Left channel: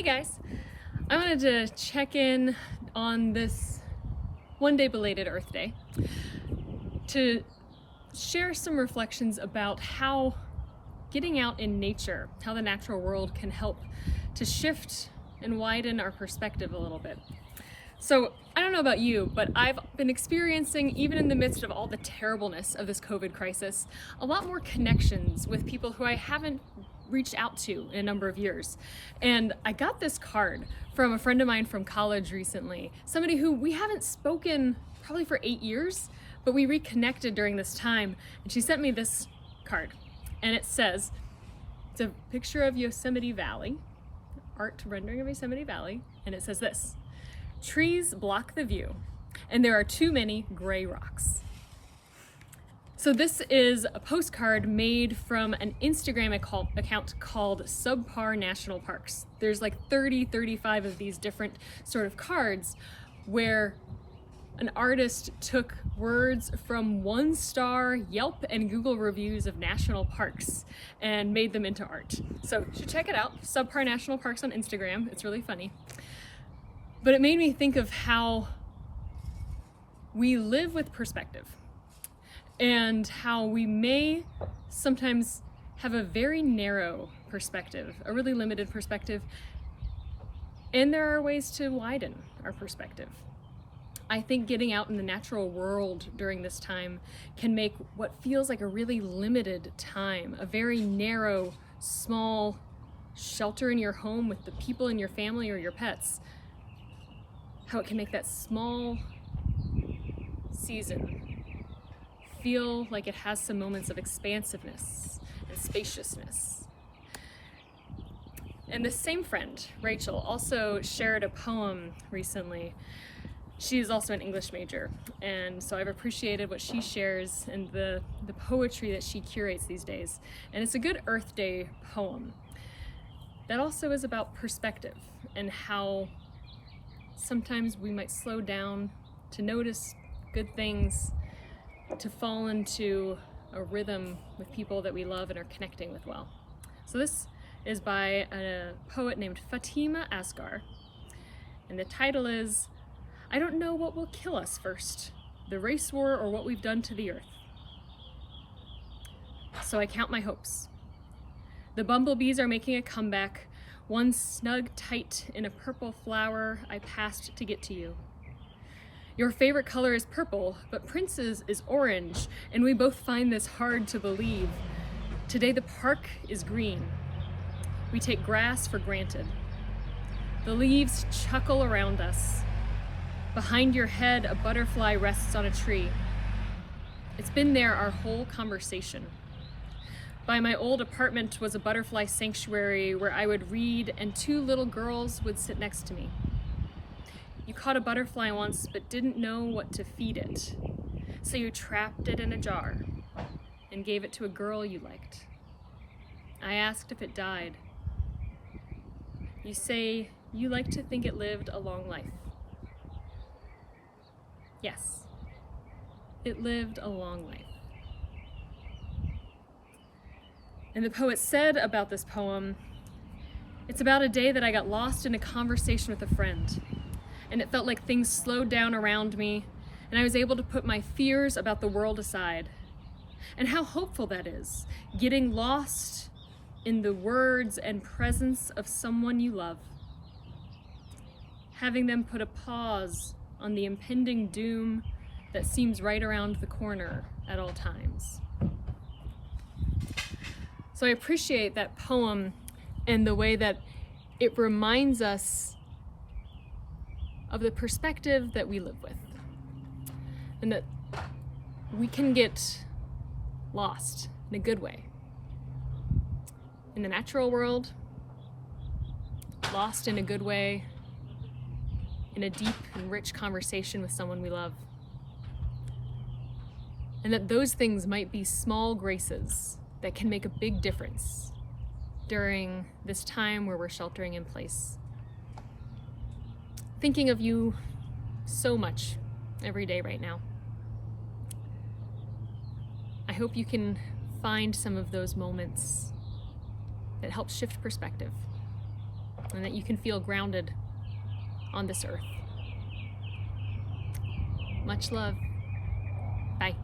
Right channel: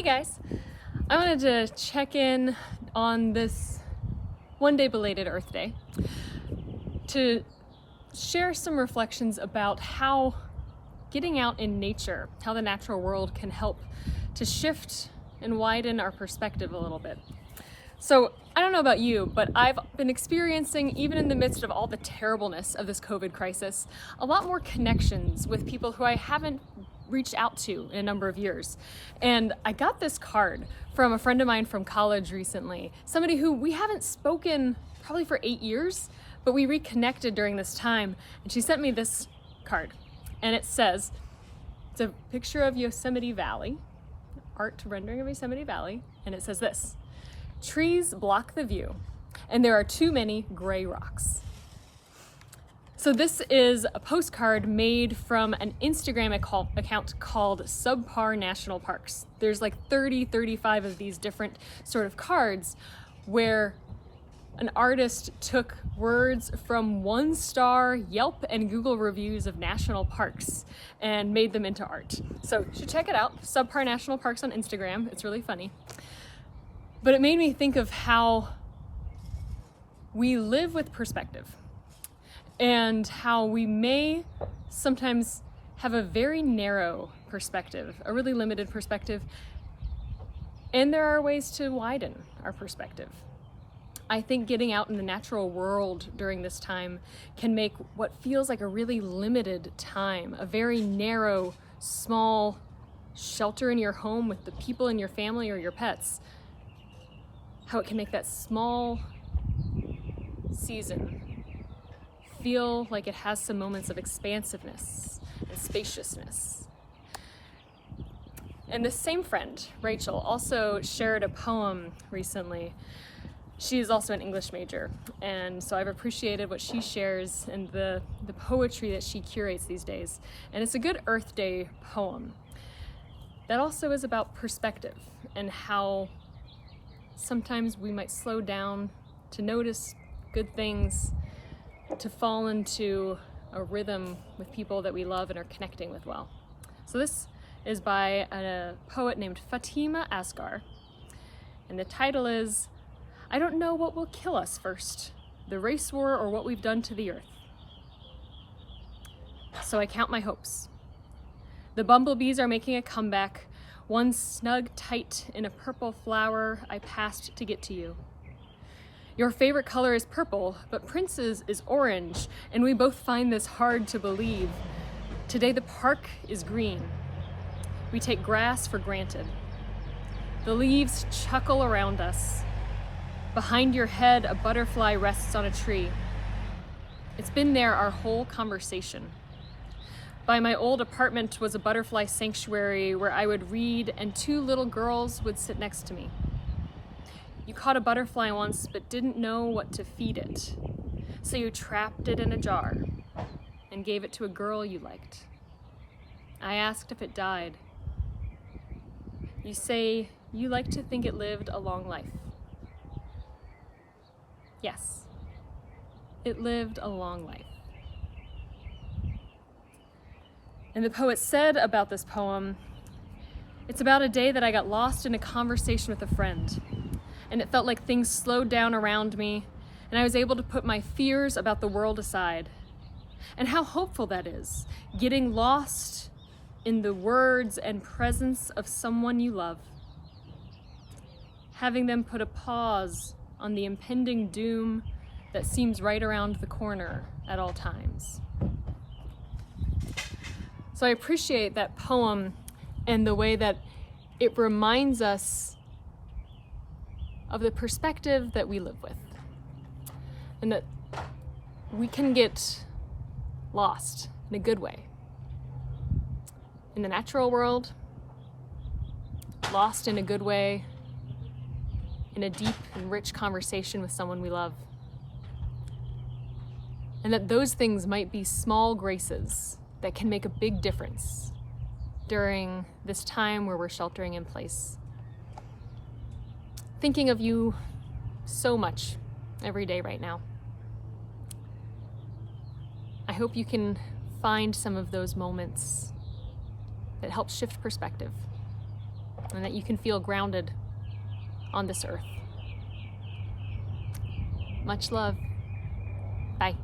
Hey guys, I wanted to check in on this one day belated Earth Day to share some reflections about how getting out in nature, how the natural world can help to shift and widen our perspective a little bit. So I don't know about you, but I've been experiencing, even in the midst of all the terribleness of this COVID crisis, a lot more connections with people who I haven't reached out to in a number of years. And I got this card from a friend of mine from college recently, somebody who we haven't spoken probably for 8 years, but we reconnected during this time. And she sent me this card, and it says, it's a picture of Yosemite Valley, art rendering of Yosemite Valley, and it says this: trees block the view, and there are too many gray rocks. So this is a postcard made from an Instagram account called Subpar National Parks. There's like 35 of these different sort of cards where an artist took words from 1-star Yelp and Google reviews of national parks and made them into art. So you should check it out, Subpar National Parks on Instagram. It's really funny. But it made me think of how we live with perspective and how we may sometimes have a very narrow perspective, a really limited perspective, and there are ways to widen our perspective. I think getting out in the natural world during this time can make what feels like a really limited time, a very narrow, small shelter in your home with the people in your family or your pets, how it can make that small season feel like it has some moments of expansiveness and spaciousness. And this same friend, Rachel, also shared a poem recently. She's also an English major, and so I've appreciated what she shares and the poetry that she curates these days. And it's a good Earth Day poem that also is about perspective and how sometimes we might slow down to notice good things, to fall into a rhythm with people that we love and are connecting with well. So this is by a poet named Fatima Asghar, and the title is, "I don't know what will kill us first, the race war or what we've done to the earth. So I count my hopes. The bumblebees are making a comeback, one snug tight in a purple flower I passed to get to you. Your favorite color is purple, but Prince's is orange, and we both find this hard to believe. Today the park is green. We take grass for granted. The leaves chuckle around us. Behind your head, a butterfly rests on a tree. It's been there our whole conversation. By my old apartment was a butterfly sanctuary where I would read and 2 little girls would sit next to me. You caught a butterfly once but didn't know what to feed it, so you trapped it in a jar and gave it to a girl you liked. I asked if it died. You say you like to think it lived a long life. Yes, it lived a long life." And the poet said about this poem, "It's about a day that I got lost in a conversation with a friend, and it felt like things slowed down around me, and I was able to put my fears about the world aside. And how hopeful that is, getting lost in the words and presence of someone you love. Having them put a pause on the impending doom that seems right around the corner at all times." So I appreciate that poem and the way that it reminds us of the perspective that we live with, and that we can get lost in a good way in the natural world, lost in a good way in a deep and rich conversation with someone we love, and that those things might be small graces that can make a big difference during this time where we're sheltering in place. Thinking of you so much every day right now. I hope you can find some of those moments that help shift perspective. and that you can feel grounded on this earth. Much love. Bye.